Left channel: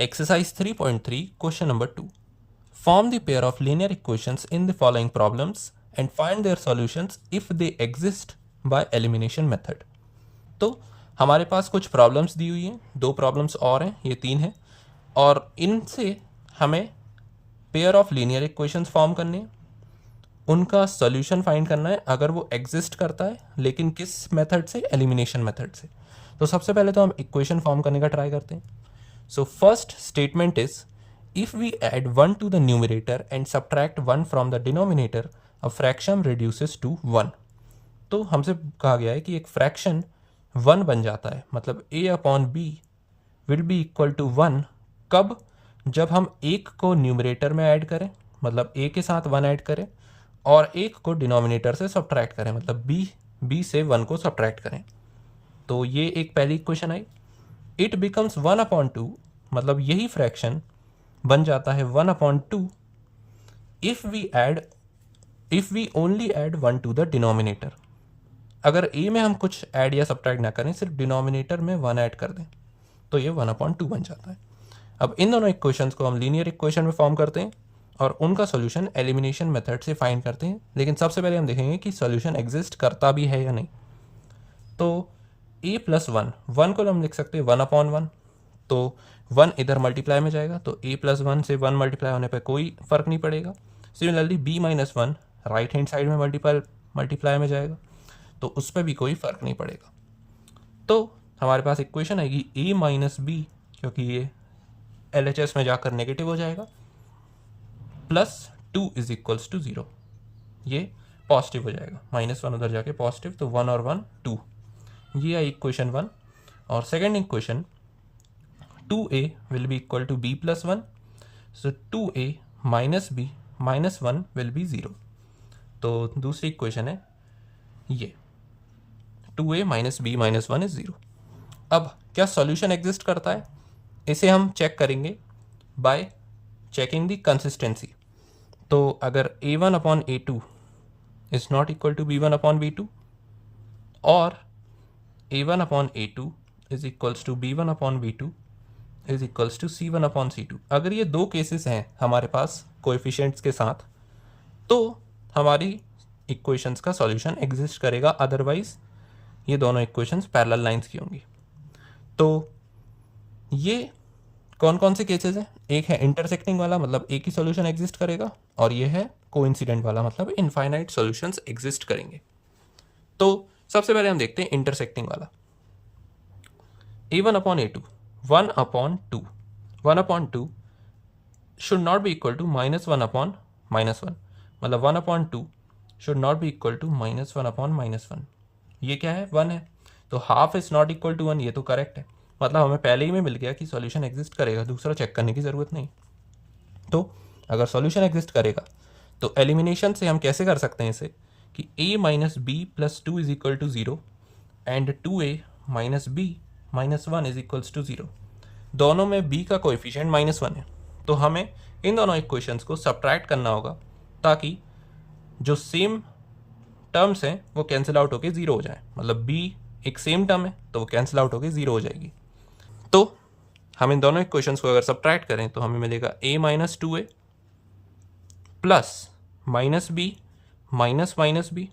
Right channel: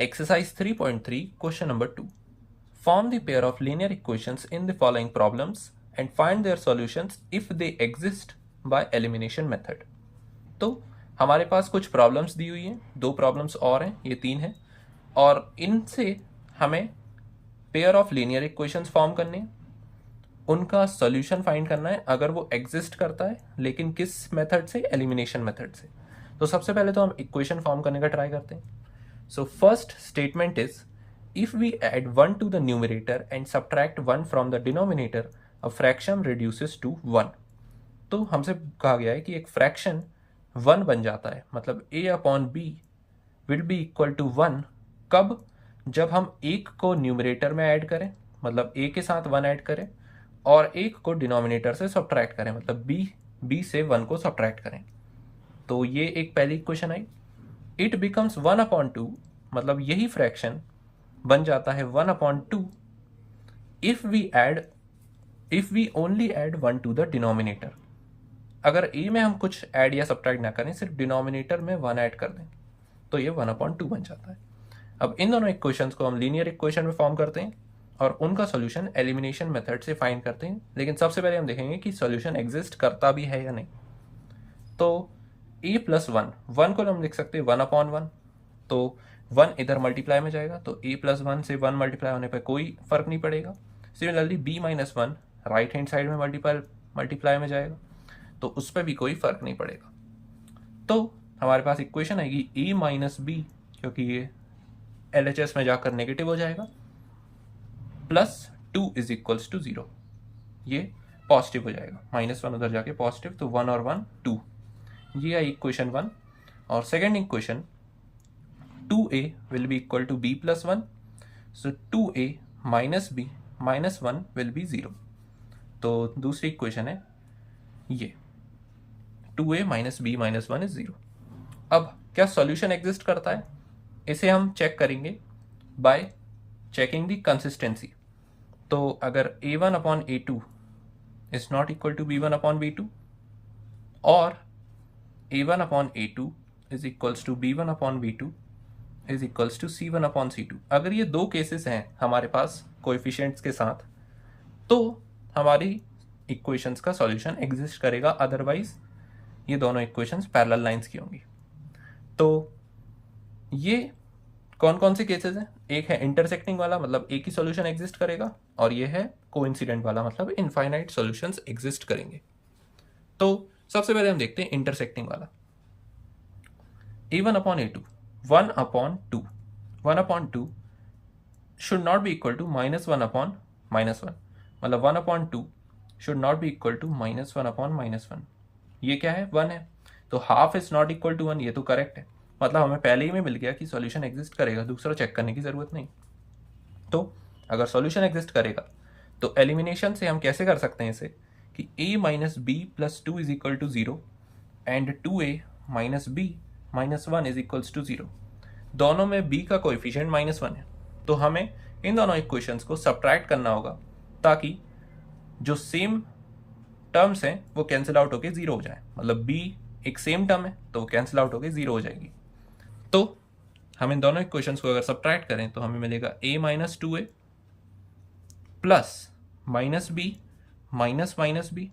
Exercise 3.3, question number 2. Form the pair of linear equations in the following problems and find their solutions if they exist by elimination method. तो हमारे पास कुछ problems दी हुई हैं, दो problems और हैं, ये तीन हैं, और इनसे हमें pair of linear equations form करने हैं, उनका सॉल्यूशन फाइंड करना है अगर वो एग्जिस्ट करता है, लेकिन किस मेथड से? एलिमिनेशन मेथड से। तो सबसे पहले तो हम इक्वेशन फॉर्म करने का ट्राई करते हैं। So first statement is, if we add 1 to the numerator and subtract 1 from the denominator, a fraction reduces to 1. तो हमसे कहा गया है कि एक फ्रैक्शन 1 बन जाता है, मतलब a upon b will be equal to 1 कब? जब हम एक को न्यूमरेटर में ऐड करें, मतलब a के साथ 1 ऐड करें, और एक को डिनोमिनेटर से सब्ट्रैक्ट करें, मतलब b से 1 को सब्ट्रैक्ट करें। तो ये एक पहली इक्वेशन आई। इट बिकम्स 1/2, मतलब यही फ्रैक्शन बन जाता है 1/2 if we only add 1 to the denominator. अगर a में हम कुछ ऐड या सब्ट्रैक्ट ना करें, सिर्फ डिनोमिनेटर में 1 ऐड कर दें, तो ये 1/2 बन जाता है। अब इन दोनों इक्वेशंस को हम लीनियर इक्वेशन में फॉर्म करते हैं और उनका सोल्यूशन एलिमिनेशन मेथड से फाइंड करते हैं। लेकिन सबसे पहले हम देखेंगे कि सोल्यूशन एग्जिस्ट करता भी है या नहीं। तो a प्लस 1 को हम लिख सकते हैं 1/1, तो 1 इधर मल्टीप्लाई में जाएगा, तो a प्लस 1 से 1 मल्टीप्लाई होने पे कोई फर्क नहीं पड़ेगा। Similarly b minus 1 right hand side में मल्टीप्लाई में जाएगा, तो उस पर भी कोई फर्क नहीं पड़ेगा। तो हमारे पास इक्वेशन आएगी a माइनस बी, क्योंकि ये LHS में जाकर नेगेटिव हो जाएगा, प्लस 2 इज इक्वल्स टू 0, ये पॉजिटिव हो जाएगा, -1 उधर जाके पॉजिटिव, तो 1 और 1 2। ये है इक्वेशन 1। और second equation 2a will be equal to b plus 1, so 2a minus b minus 1 will be 0। तो दूसरी इक्वेशन है ये 2a minus b minus 1 is 0। अब क्या सॉल्यूशन एग्जिस्ट करता है? इसे हम चेक करेंगे बाय चेकिंग द कंसिस्टेंसी। तो अगर a1/a2 is not equal to b1/b2 और a1/a2 is equals to b1/b2 is equals to c1/c2, अगर ये दो केसेस हैं हमारे पास कोएफिशिएंट्स के साथ, तो हमारी इक्वेशंस का सॉल्यूशन एग्जिस्ट करेगा, अदरवाइज ये दोनों इक्वेशंस पैरेलल लाइंस की होंगी। तो ये कौन कौन से केसेस हैं? एक है इंटरसेक्टिंग वाला, मतलब एक ही सॉल्यूशन एग्जिस्ट करेगा, और ये है कोइंसिडेंट वाला, मतलब इनफाइनाइट सॉल्यूशंस एग्जिस्ट करेंगे। तो सबसे पहले हम देखते हैं इंटरसेक्टिंग वाला। a1/a2 1/2 1/2 should not be equal to -1/-1, मतलब 1/2 should not be equal to -1/-1। ये क्या है? 1 है, तो half is not equal to 1, ये तो करेक्ट है, मतलब हमें पहले ही में मिल गया कि सॉल्यूशन एग्जिस्ट करेगा, दूसरा चेक करने की ज़रूरत नहीं। तो अगर सॉल्यूशन एग्जिस्ट करेगा तो एलिमिनेशन से हम कैसे कर सकते हैं इसे, कि a minus B plus 2 is equal to 0 and 2a minus B minus 1 is equals to 0। दोनों में b का कोएफिशिएंट -1 है, तो हमें इन दोनों इक्वेशंस को सब्ट्रैक्ट करना होगा, ताकि जो सेम टर्म्स हैं वो कैंसिल आउट होके 0 हो जाए, मतलब b एक सेम टर्म है तो वो कैंसिल आउट होके 0 हो जाएगी। तो हम इन दोनों इक्वेशंस को अगर सब्ट्रैक्ट करें तो हमें मिलेगा a minus 2a plus minus B minus B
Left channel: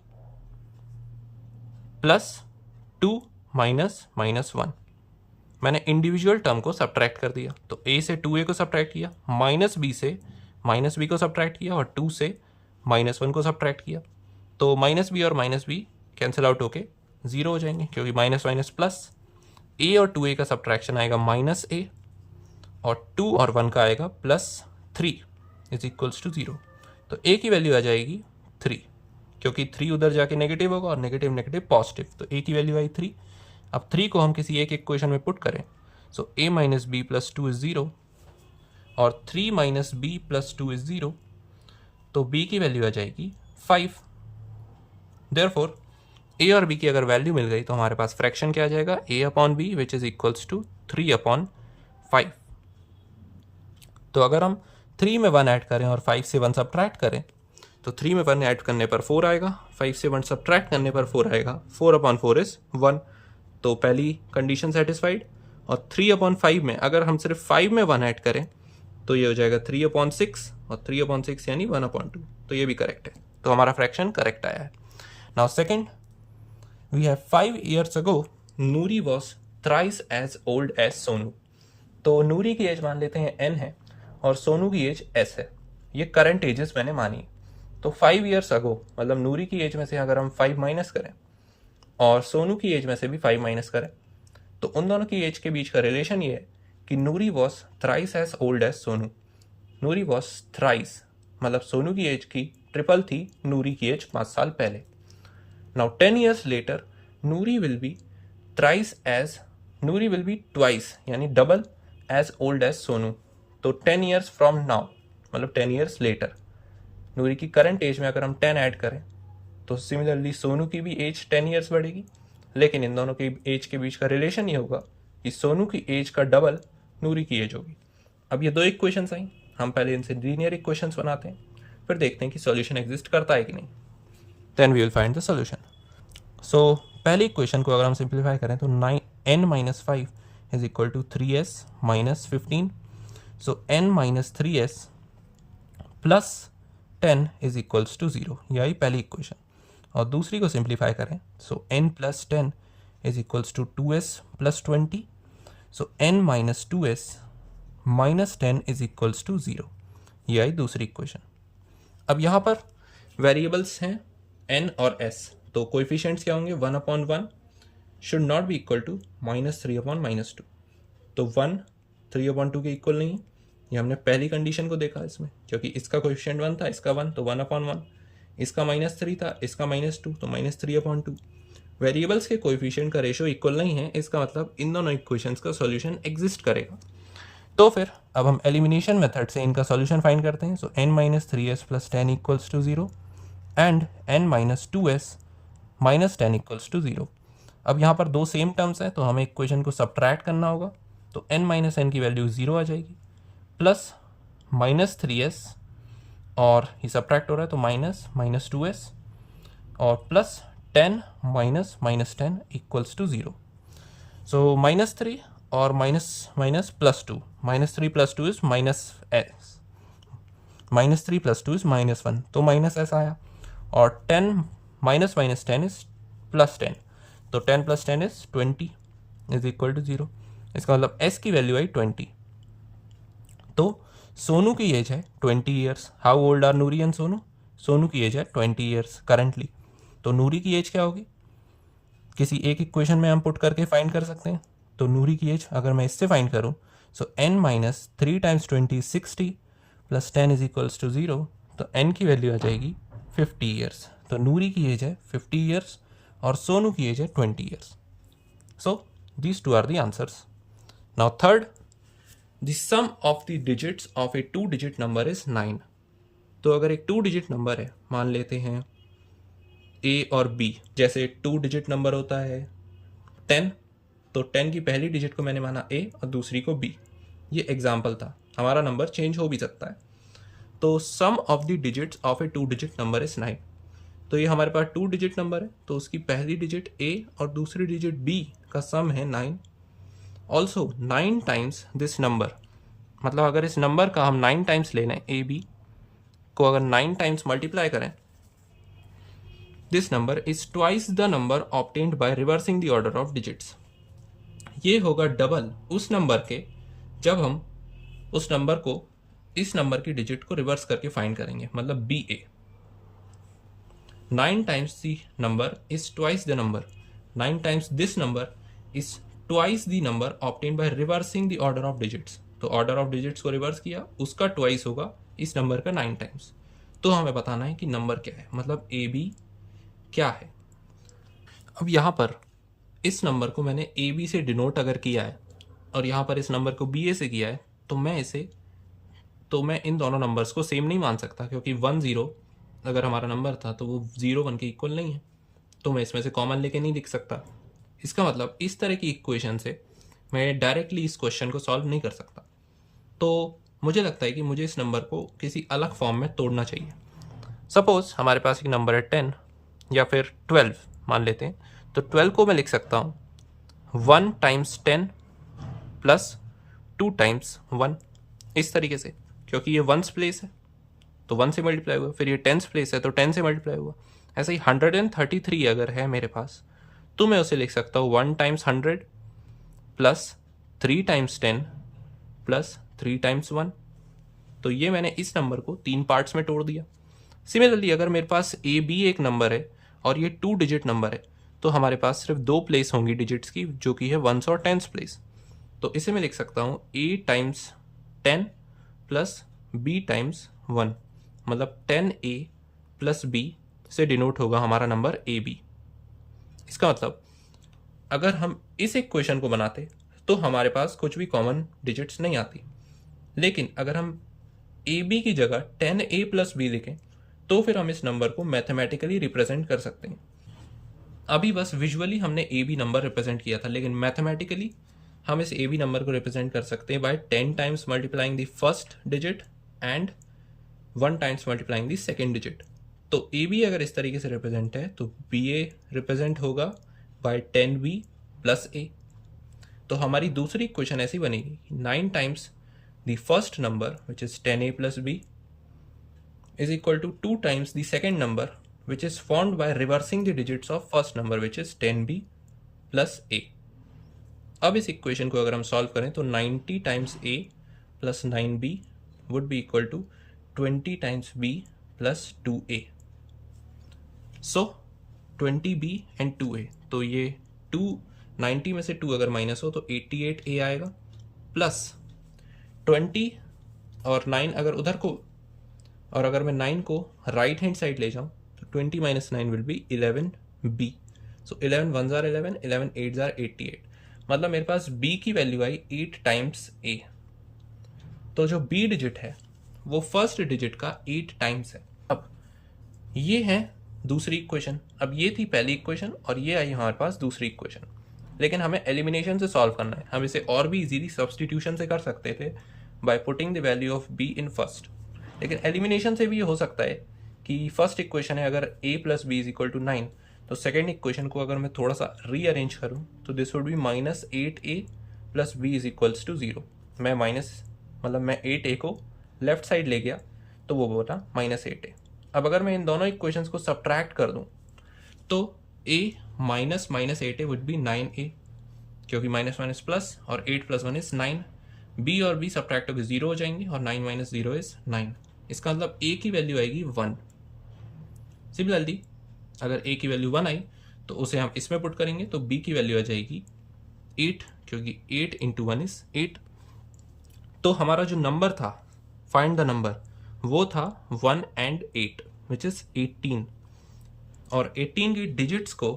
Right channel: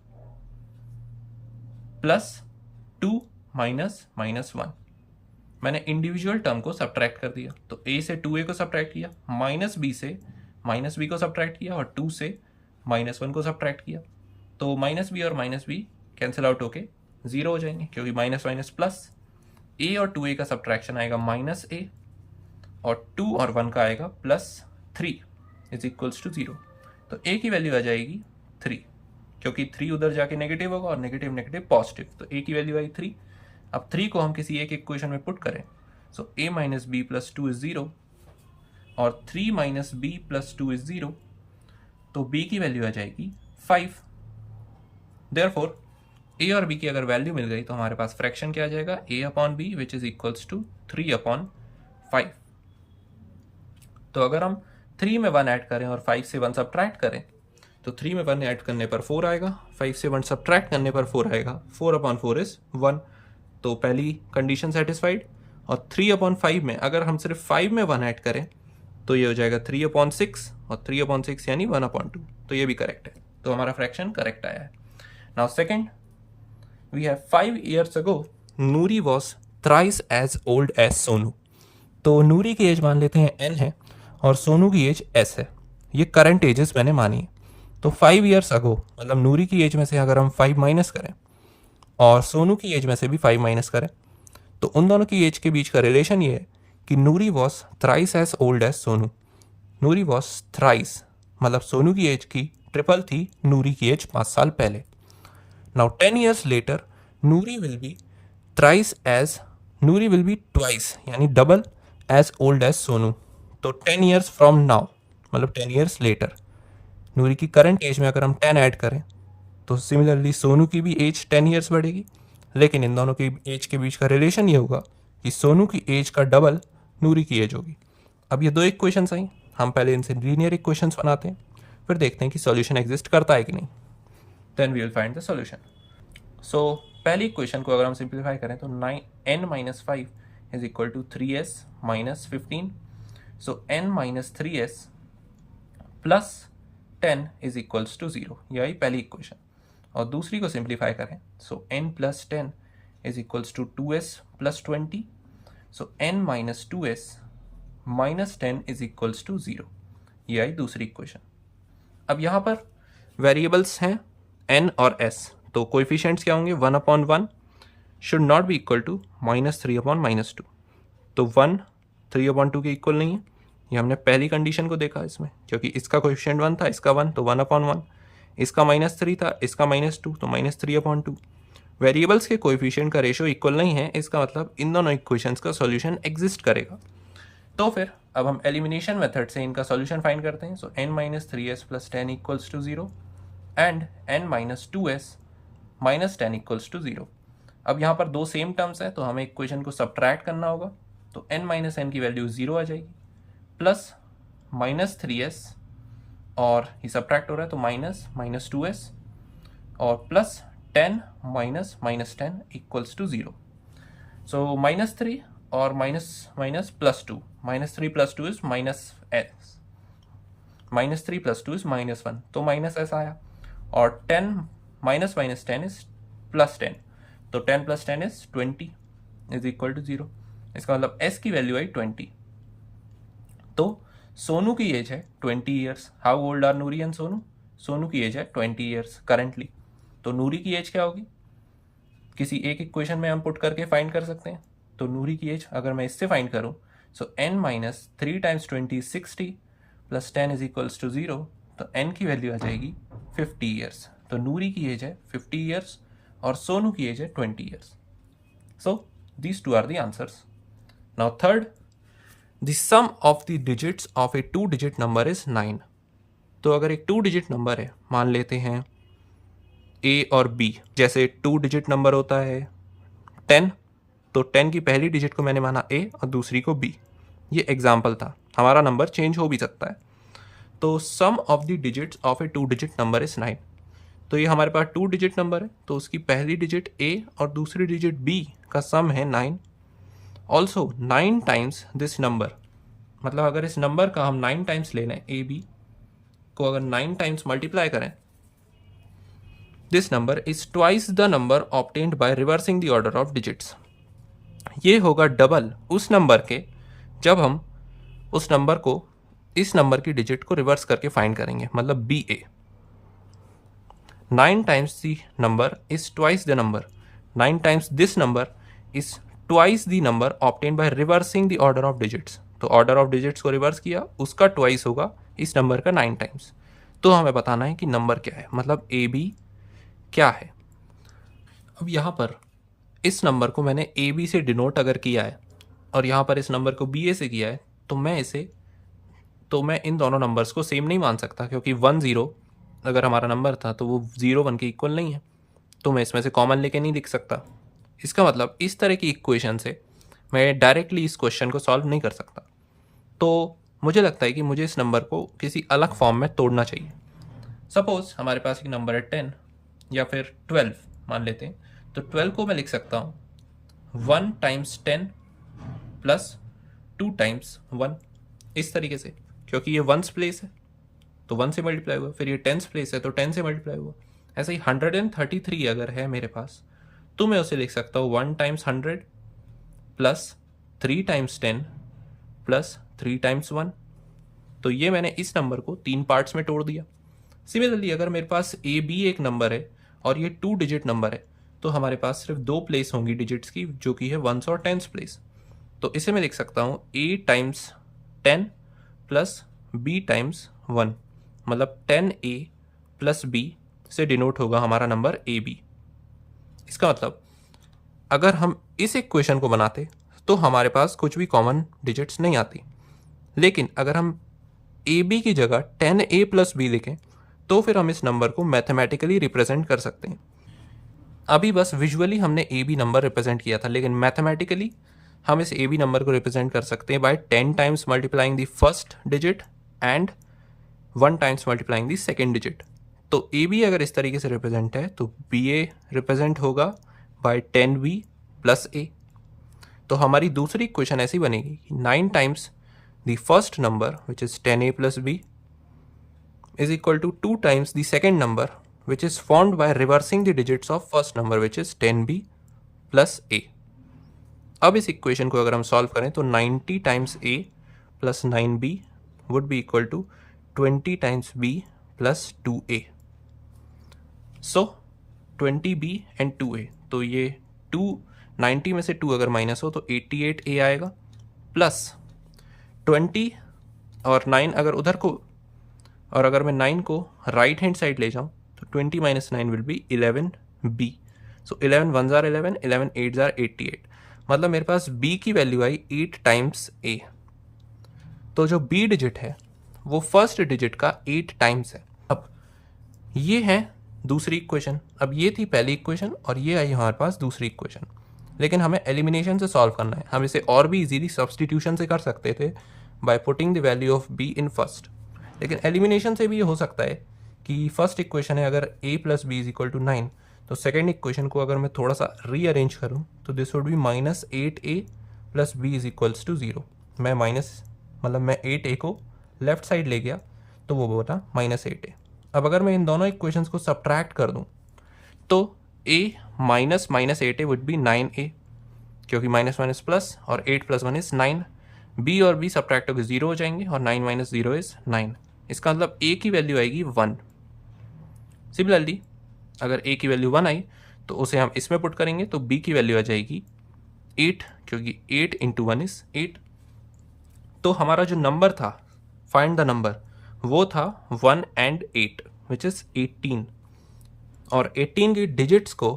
plus 2 minus -1। मैंने इंडिविजुअल टर्म को सब्ट्रैक्ट कर दिया, तो a से 2a को सब्ट्रैक्ट किया, माइनस बी से माइनस बी को सब्ट्रैक्ट किया, और 2 से -1 को सब्ट्रैक्ट किया, तो माइनस बी और माइनस बी कैंसिल आउट होके 0 हो जाएंगे, क्योंकि माइनस माइनस प्लस। a और 2a का सब्ट्रैक्शन आएगा -a, और 2 और 1 का आएगा +3 इज इक्वल्स टू 0। तो a की वैल्यू आ जाएगी 3, क्योंकि 3 उधर जाके नेगेटिव होगा और नेगेटिव नेगेटिव पॉजिटिव, तो a की वैल्यू आई 3। अब 3 को हम किसी एक इक्वेशन में पुट करें, so a minus B plus 2 is 0 और 3 माइनस बी प्लस 2 इज 0, तो b की वैल्यू आ जाएगी 5। देयरफॉर a और b की अगर वैल्यू मिल गई तो हमारे पास फ्रैक्शन क्या आ जाएगा, a/b which is equals to 3/5। तो अगर हम 3 में 1 ऐड करें और 5 से 1 सब्ट्रैक्ट करें, तो 3 में 1 ऐड करने पर 4 आएगा, 5 से 1 सब्ट्रैक्ट करने पर 4 आएगा, 4/4 इज 1। तो पहली कंडीशन सेटिस्फाइड। और 3/5 में अगर हम सिर्फ 5 में 1 ऐड करें तो ये हो जाएगा 3/6, और 3/6 यानी 1/2, तो ये भी करेक्ट है, तो हमारा फ्रैक्शन करेक्ट आया है। Now second, we have 5 years ago Noori was thrice as old as Sonu. तो नूरी की एज मान लेते हैं n है और सोनू की एज s है, ये करंट एजेस मैंने मानी। तो 5 years ago मतलब नूरी की एज में से अगर हम 5 माइनस करें और सोनू की एज में से भी 5 माइनस करें तो उन दोनों की एज के बीच का रिलेशन ये है कि Noori was thrice as old as Sonu. Noori was thrice मतलब सोनू की एज की ट्रिपल थी नूरी की एज 5 साल पहले। Now 10 years later Noori will be twice यानी double age old as Sonu. तो 10 years फ्रॉम नाउ मतलब 10 years लेटर नूरी की करंट एज में अगर हम 10 ऐड करें तो सिमिलरली सोनू की भी एज 10 years बढ़ेगी, लेकिन इन दोनों की एज के बीच का रिलेशन ये होगा कि सोनू की एज का डबल नूरी की एज होगी। अब ये दो इक्वेशंस आई, हम पहले इनसे लीनियर इक्वेशंस बनाते हैं, फिर देखते हैं कि सॉल्यूशन एग्जिस्ट करता है कि नहीं, then we will find the solution. So पहली इक्वेशन को अगर हम सिंप्लीफाई करें तो n-5 is equal to 3s minus 15। So n minus 3s plus 10 is equals to 0, यही पहली इक्वेशन। और दूसरी को सिंप्लीफाई करें so n plus 10 is equals to 2s plus 20। So n minus 2s minus 10 is equals to 0, ये आई दूसरी equation. अब यहाँ पर वेरिएबल्स हैं n और s, तो कोएफिशिएंट्स क्या होंगे, 1/1 should not be equal to -3/-2। तो 1 3/2 के इक्वल नहीं है, ये हमने पहली कंडीशन को देखा इसमें, क्योंकि इसका कोएफिशिएंट 1 था, इसका 1, तो 1/1, इसका -3 था, इसका -2, तो -3/2। वेरिएबल्स के कोएफिशिएंट का रेशियो इक्वल नहीं है, इसका मतलब इन दोनों इक्वेशंस का सॉल्यूशन एग्जिस्ट करेगा। तो फिर अब हम एलिमिनेशन मेथड से इनका सॉल्यूशन फाइंड करते हैं। So n minus 3s plus 10 equals to 0 and n minus 2s minus 10 equals to 0। अब यहाँ पर दो सेम टर्म्स हैं तो हमें इक्वेशन को सब्ट्रैक्ट करना होगा, तो n माइनस n की वैल्यू 0 आ जाएगी, प्लस माइनस 3s और ये सब्ट्रैक्ट हो रहा है तो माइनस 2s और प्लस 10 माइनस 10 इक्वल्स टू 0। सो -3 और minus plus 2, -3 plus 2 is -s, -3 plus 2 is -1, तो -s आया, और 10 माइनस 10 इज प्लस 10, तो 10 plus 10 is 20 is equal to 0। इसका मतलब s की वैल्यू आई 20। तो सोनू की एज है 20 years. How old are Noori and Sonu? Sonu की एज है 20 ईयर्स करंटली। तो नूरी की एज क्या होगी, किसी एक इक्वेशन में हम पुट करके फाइंड कर सकते हैं। तो नूरी की एज अगर मैं इससे फाइंड करूं so n minus 3 times 20 60 plus 10 is equals to 0, तो n की वैल्यू आ जाएगी 50 ईयर्स। तो नूरी की एज है 50 ईयर्स और सोनू की एज है 20 years. So these two are the answers. Now third, the sum of the digits of a 2 digit number is 9। तो अगर एक 2 डिजिट नंबर है, मान लेते हैं a और b, जैसे 2 डिजिट नंबर होता है 10, तो 10 की पहली डिजिट को मैंने माना a और दूसरी को b। ये एग्जाम्पल था, हमारा नंबर चेंज हो भी सकता है। तो sum of the digits of a 2 digit number is 9। तो ये हमारे पास 2 डिजिट नंबर है, तो उसकी पहली डिजिट a और दूसरी डिजिट b का सम है 9। ऑल्सो 9 टाइम्स दिस नंबर, मतलब अगर इस नंबर का हम 9 टाइम्स ले लें, ए बी को अगर 9 टाइम्स मल्टीप्लाई करें, this number is twice the number obtained by reversing the order of digits. ये होगा डबल उस नंबर के जब हम उस नंबर को, इस नंबर की डिजिट को रिवर्स करके फाइंड करेंगे, मतलब B A. 9 times the number is twice the number. 9 times this number is twice the number obtained by reversing the order of digits. तो order of digits को reverse किया, उसका twice होगा इस नंबर का 9 times। तो हमें बताना है कि नंबर क्या है, मतलब ए बी क्या है। अब यहाँ पर इस नंबर को मैंने ए बी से डिनोट अगर किया है और यहाँ पर इस नंबर को बी ए से किया है, तो मैं इन दोनों नंबर्स को सेम नहीं मान सकता, क्योंकि 1 0 अगर हमारा नंबर था तो वो 0 1 के इक्वल नहीं है, तो मैं इसमें से कॉमन लेके नहीं लिख सकता। इसका मतलब इस तरह की इक्वेशन से मैं डायरेक्टली इस क्वेश्चन को सॉल्व नहीं कर सकता। तो मुझे लगता है कि मुझे इस नंबर को किसी अलग फॉर्म में तोड़ना चाहिए। सपोज हमारे पास एक नंबर है 10 या फिर 12 मान लेते हैं, तो 12 को मैं लिख सकता हूँ 1 टाइम्स 10 प्लस 2 टाइम्स 1, इस तरीके से, क्योंकि ये वंस प्लेस है तो 1 से मल्टीप्लाई हुआ, फिर ये टेंस प्लेस है तो 10 से मल्टीप्लाई हुआ। ऐसे ही 133 अगर है मेरे पास तो मैं उसे लिख सकता हूँ 1 times 100 plus 3 times 10 plus 3 times 1। तो ये मैंने इस नंबर को 3 पार्ट्स में तोड़ दिया। सिमिलरली अगर मेरे पास ए बी एक नंबर है और ये 2 डिजिट नंबर है तो हमारे पास सिर्फ 2 प्लेस होंगी डिजिट्स की, जो कि है वंस और टेंस प्लेस। तो इसे मैं लिख सकता हूँ ए टाइम्स 10 प्लस बी टाइम्स 1, मतलब 10A प्लस बी से डिनोट होगा हमारा नंबर ए बी। इसका मतलब अगर हम इस इक्वेशन को बनाते तो हमारे पास कुछ भी कॉमन डिजिट्स नहीं आती, लेकिन अगर हम ए बी की जगह 10A प्लस बी लिखें तो फिर हम इस नंबर को मैथमेटिकली रिप्रेजेंट कर सकते हैं। अभी बस विजुअली हमने ए बी नंबर रिप्रेजेंट किया था, लेकिन मैथमेटिकली हम इस ए बी नंबर को रिप्रेजेंट कर सकते हैं by 10 times multiplying the first digit and 1 times multiplying the second digit. तो ए बी अगर इस तरीके से रिप्रेजेंट है तो बी ए रिप्रेजेंट होगा बाय 10B प्लस ए। तो हमारी दूसरी इक्वेशन ऐसी बनेगी 9 times the first number which is 10A plus B is equal to 2 times the second number, which is formed by reversing the digits of first number, which is 10B plus A। अब इस equation को अगर हम solve करें तो 90 times A plus 9B would be equal to 20 times B plus 2A। So 20B and 2A, तो ये 90 में से 2 अगर माइनस हो तो 88A आएगा, प्लस 20 और 9 अगर उधर को, और अगर मैं 9 को राइट हैंड साइड ले जाऊं तो 20 minus 9 will be 11B। So 11 1 jar 11, 11 8 jar 88, मतलब मेरे पास B की वैल्यू आई 8 टाइम्स A। तो जो B डिजिट है वो फर्स्ट डिजिट का 8 टाइम्स है। अब ये है दूसरी इक्वेशन। अब ये थी पहली इक्वेशन और ये आई हमारे पास दूसरी इक्वेशन, लेकिन हमें एलिमिनेशन से सॉल्व करना है। हम इसे और भी इजीली सब्सटीट्यूशन से कर सकते थे by putting the value of B in first, लेकिन एलिमिनेशन से भी ये हो सकता है कि फर्स्ट इक्वेशन है अगर a plus B is equal to 9, तो सेकेंड इक्वेशन को अगर मैं थोड़ा सा रीअरेंज करूं तो this would be minus 8A plus B is equals to 0। मैं मैं 8A को लेफ्ट साइड ले गया तो वो बोला माइनस 8A। अब अगर मैं इन दोनों इक्वेशंस को सब्ट्रैक्ट कर दूं तो a minus minus 8A would be 9A, क्योंकि माइनस माइनस प्लस और 8 प्लस 1 इज 9। b और b सब्ट्रैक्ट होकर 0 हो जाएंगे और 9 माइनस 0 इज 9। इसका मतलब a की वैल्यू आएगी 1। सिमिलरली अगर a की वैल्यू 1 आई तो उसे हम इसमें पुट करेंगे तो b की वैल्यू आ जाएगी 8, क्योंकि 8 इंटू 1 इज 8। तो हमारा जो नंबर था, फाइंड द नंबर, वो था 1 एंड 8 विच इज 18। और 18 की डिजिट्स को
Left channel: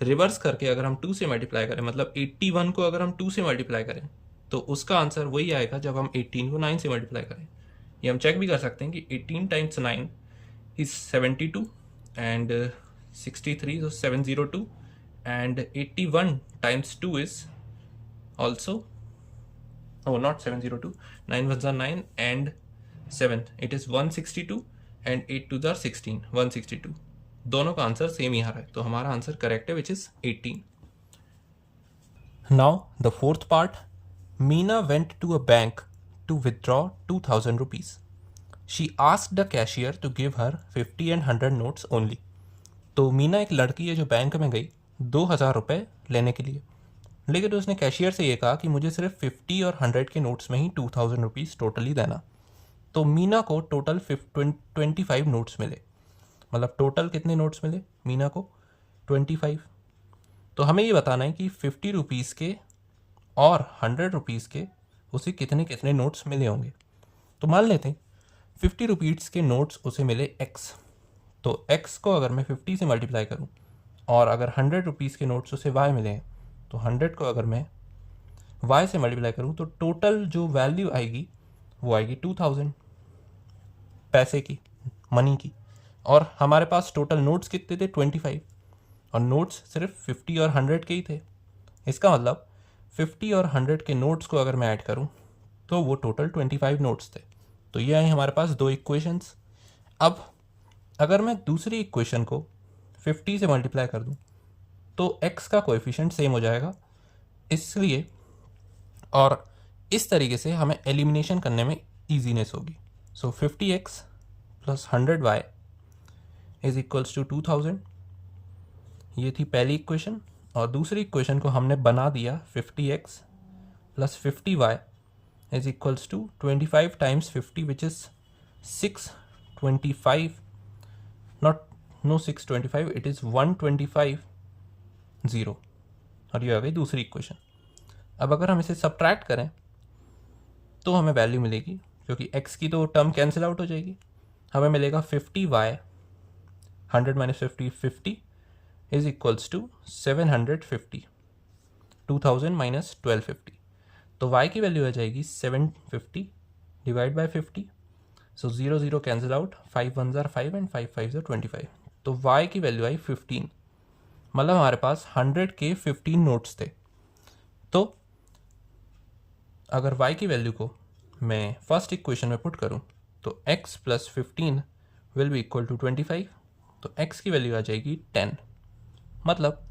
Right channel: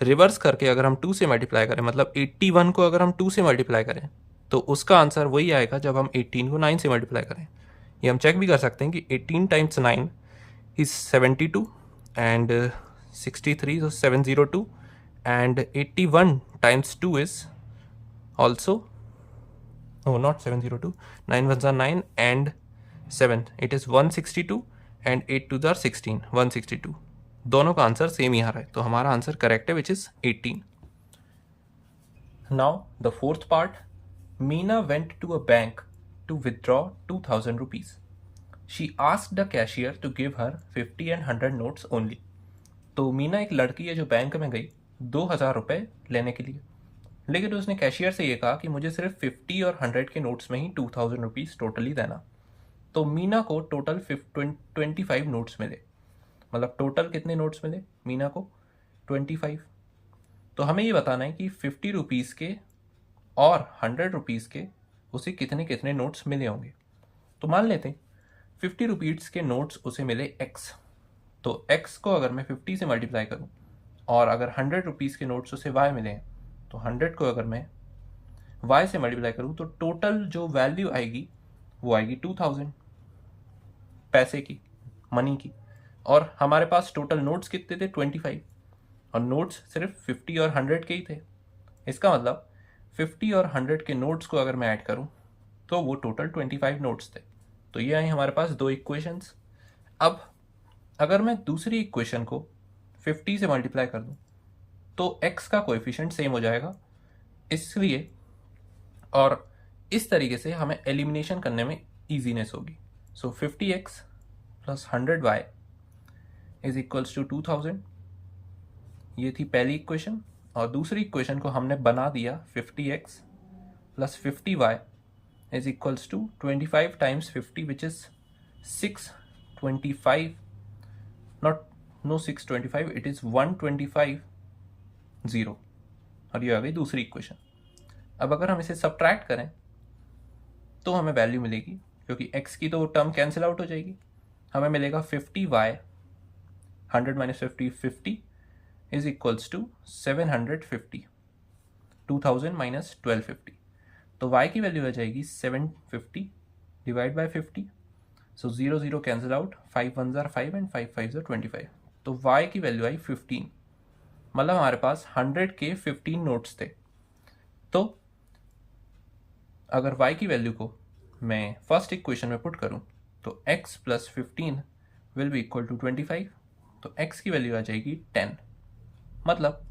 रिवर्स करके अगर हम 2 से मल्टीप्लाई करें, मतलब 81 को अगर हम 2 से मल्टीप्लाई करें तो उसका आंसर वही आएगा जब हम 18 को 9 से मल्टीप्लाई करें। ये हम चेक भी कर सकते हैं कि 18 times 9 is 72 and 63 so 702 and 81 times 2 is also not 702, 9 1 9 and 7 it is 162 and 8 2 16 162। दोनों का आंसर सेम ही आ रहा है, तो हमारा आंसर करेक्ट है which is 18। Now the fourth part, Meena went to a bank to withdraw 2000 rupees. She asked the cashier to give her 50 and 100 notes only. तो मीना एक लड़की है जो बैंक में गई 2000 रुपये लेने के लिए, लेकिन उसने कैशियर से ये कहा कि मुझे सिर्फ 50 और 100 के नोट्स में ही 2000 रुपीज़ टोटली देना। तो मीना को टोटल 25 नोट्स मिले, मतलब टोटल कितने नोट्स मिले मीना को? 25। तो हमें ये बताना है कि 50 रुपीज़ के और 100 रुपीज़ के उसे कितने कितने नोट्स मिले होंगे। तो मान लेते हैं 50 रुपीज़ के नोट्स उसे मिले x, तो x को अगर मैं 50 से मल्टीप्लाई करूं और अगर 100 रुपीज़ के नोट्स उसे y मिले हैं तो 100 को अगर मैं y से मल्टीप्लाई करूं तो टोटल जो वैल्यू आएगी वो आएगी 2000 पैसे की, मनी की। और हमारे पास टोटल नोट्स कितने थे? 25, और नोट्स सिर्फ 50 और 100 के ही थे। इसका मतलब 50 और 100 के नोट्स को अगर मैं ऐड करूं तो वो टोटल 25 नोट्स थे। तो ये आई हमारे पास दो इक्वेशंस। अब अगर मैं दूसरी इक्वेशन को 50 से मल्टीप्लाई कर दूं तो x का कोएफिशिएंट सेम हो जाएगा, इसलिए और इस तरीके से हमें एलिमिनेशन करने में ईजीनेस होगी। So 50x plus 100y is equals to 2000। ये थी पहली इक्वेशन, और दूसरी इक्वेशन को हमने बना दिया 50x plus 50y is equals to 25 times 50 which is 625, no 625, it is 125 0, और ये आ गई दूसरी इक्वेशन। अब अगर हम इसे सब्ट्रैक्ट करें तो हमें वैल्यू मिलेगी, क्योंकि x की तो टर्म कैंसिल आउट हो जाएगी, हमें मिलेगा 50y 100 minus 50 50 is equals to 750, 2000 minus 1250, तो y की वैल्यू आ जाएगी 750 divide by 50। So 0 0 cancel out, 5 1 ज़ार 5 एंड 5 5 ज़ार 25, तो y की वैल्यू आई 15। मतलब हमारे पास 100 के 15 नोट्स थे। तो अगर y की वैल्यू को मैं फर्स्ट इक्वेशन में पुट करूं तो x plus 15 will be equal to 25, तो x की वैल्यू आ जाएगी 10। मतलब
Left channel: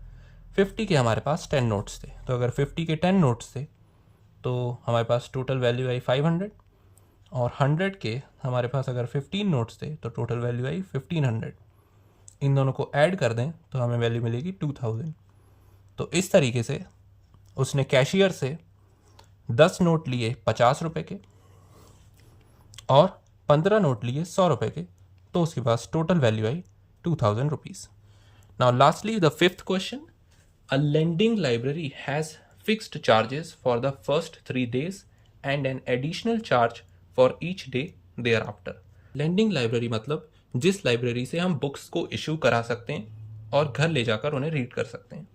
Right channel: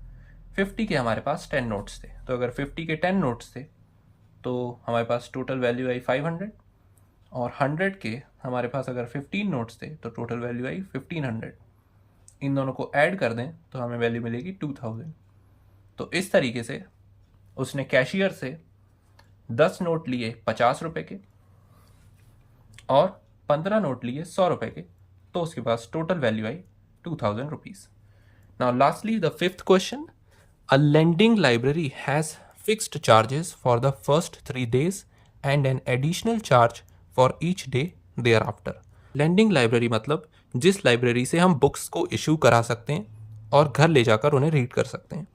50 के हमारे पास 10 नोट्स थे, तो अगर 50 के 10 नोट्स थे तो हमारे पास टोटल वैल्यू आई 500, और 100 के हमारे पास अगर 15 नोट्स थे तो टोटल वैल्यू आई 1500। इन दोनों को ऐड कर दें तो हमें वैल्यू मिलेगी 2000। तो इस तरीके से उसने कैशियर से 10 नोट लिए 50 रुपए के और 15 नोट लिए 100 रुपए के, तो उसके पास टोटल वैल्यू आई 2000 rupees. Now lastly the fifth question, a lending library has fixed charges for the first 3 days and an additional charge for each day thereafter. Lending library मतलब जिस लाइब्रेरी से हम बुक्स को issue करा सकते हैं और घर ले जाकर उन्हें रीड कर सकते हैं,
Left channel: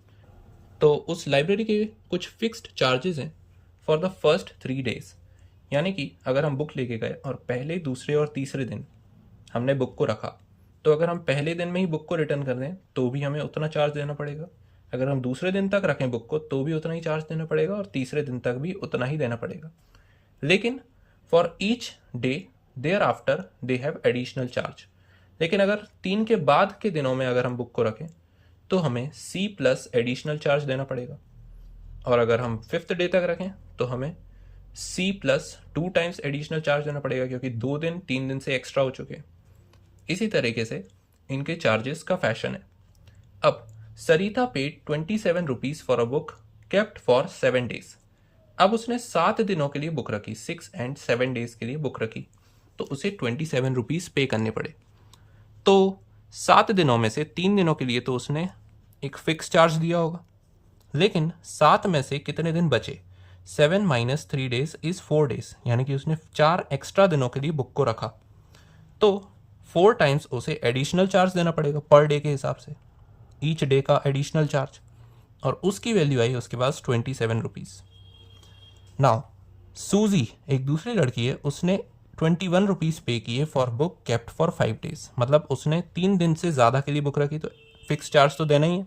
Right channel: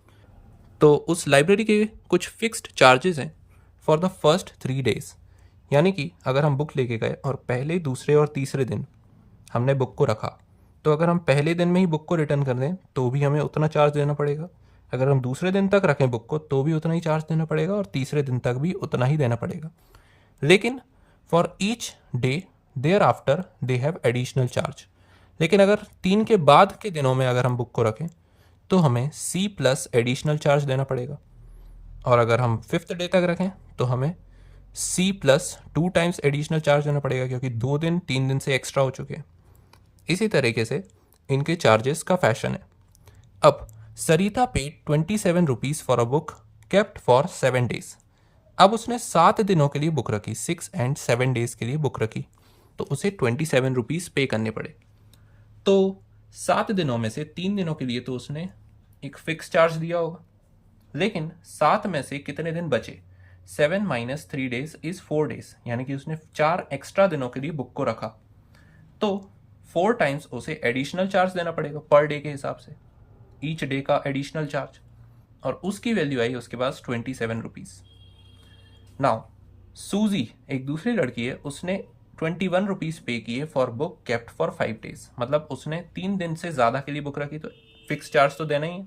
तो उस लाइब्रेरी के कुछ फिक्स्ड चार्जेस हैं फॉर द फर्स्ट 3 days। यानी कि अगर हम बुक लेके गए और पहले, दूसरे और तीसरे दिन हमने बुक को रखा, तो अगर हम पहले दिन में ही बुक को रिटर्न कर दें तो भी हमें उतना चार्ज देना पड़ेगा, अगर हम दूसरे दिन तक रखें बुक को तो भी उतना ही चार्ज देना पड़ेगा, और तीसरे दिन तक भी उतना ही देना पड़ेगा। लेकिन for each day thereafter they have additional charge. लेकिन अगर 3 के बाद के दिनों में अगर हम बुक को रखें तो हमें C प्लस एडिशनल चार्ज देना पड़ेगा, और अगर हम 5th डे तक रखें तो हमें C plus 2 times additional charge देना पड़ेगा, क्योंकि 2 दिन 3 दिन से एक्स्ट्रा हो चुके हैं। इसी तरीके से इनके चार्जेस का फैशन है। अब Sarita paid 27 rupees for a book kept for 7 days। अब उसने 7 दिनों के लिए बुक रखी, 6 and 7 days के लिए बुक रखी, तो उसे 27 रुपीज़ पे करने पड़े। तो 7 दिनों में से 3 दिनों के लिए तो उसने एक फिक्स चार्ज दिया होगा, लेकिन 7 में से कितने दिन बचे? 7 माइनस 3 days इज 4 days, यानी कि उसने 4 एक्स्ट्रा दिनों के लिए बुक को रखा, तो 4 टाइम्स उसे एडिशनल चार्ज देना पड़ेगा पर डे के हिसाब से, ईच डे का एडिशनल चार्ज, और उसकी वैल्यू आई उसके पास 27 रुपीज़। नाउ सूजी एक दूसरी लड़की है, उसने 21 रुपीज़ पे किए for book kept for 5 days। मतलब उसने 3 दिन से ज़्यादा के लिए बुक रखी, तो फिक्स चार्ज तो देना ही है,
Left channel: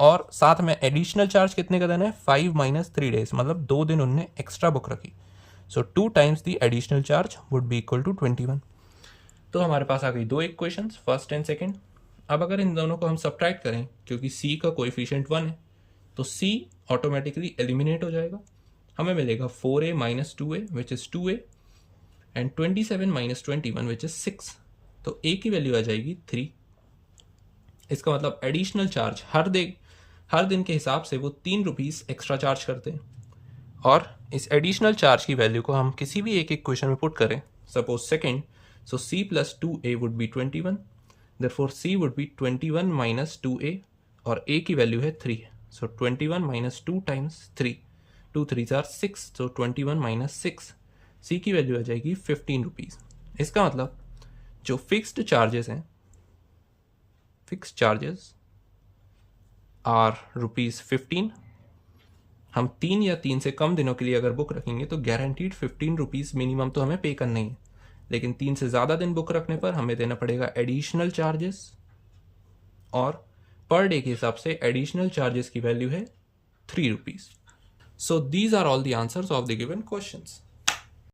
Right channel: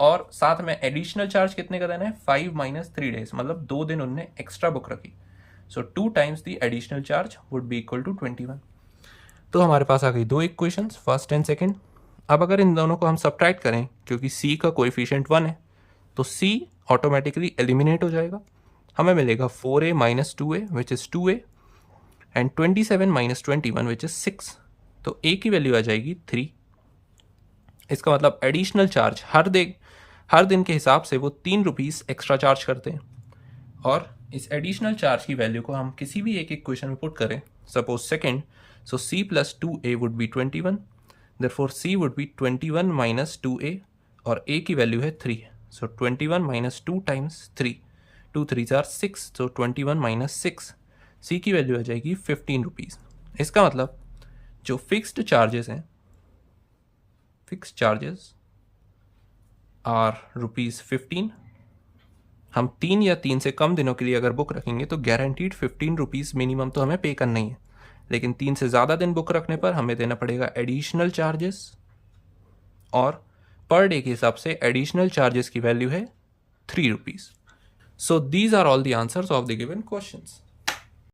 और साथ में एडिशनल चार्ज कितने का देना है? 5 माइनस 3 days, मतलब 2 दिन उनने एक्स्ट्रा बुक रखी, so 2 times the additional charge would be equal to 21। तो हमारे पास आ गई 2 इक्वेशंस, फर्स्ट एंड सेकेंड। अब अगर इन दोनों को हम सब्ट्रैक्ट करें, क्योंकि C का कोएफिशिएंट 1 है, तो C ऑटोमेटिकली एलिमिनेट हो जाएगा। हमें मिलेगा 4a minus 2a which is 2a and 27 minus 21 which is 6, तो a की वैल्यू आ जाएगी 3। इसका मतलब एडिशनल चार्ज हर दिन के हिसाब से वो 3 रुपीज़ एक्स्ट्रा चार्ज करते हैं, और इस एडिशनल चार्ज की वैल्यू को हम किसी भी एक इक्वेशन में पुट करें, suppose second, so C plus 2a would be 21, therefore C would be 21 minus 2a, और a की वैल्यू है 3, so 21 minus 2 times 3, 2 3 are 6, so 21 minus 6, C की वैल्यू आ जाएगी 15 रुपीज़। इसका मतलब जो फिक्स्ड चार्जेस हैं, फिक्स्ड चार्जेस आर ₹15। हम 3 या 3 से कम दिनों के लिए अगर बुक रखेंगे तो गारंटीड 15 रुपीज़ मिनिमम तो हमें पे करना ही है, लेकिन 3 से ज़्यादा दिन बुक रखने पर हमें देना पड़ेगा एडिशनल चार्जेस, और पर डे के हिसाब से एडिशनल चार्जेस की वैल्यू है 3 rupees. So these are all the answers of the given questions.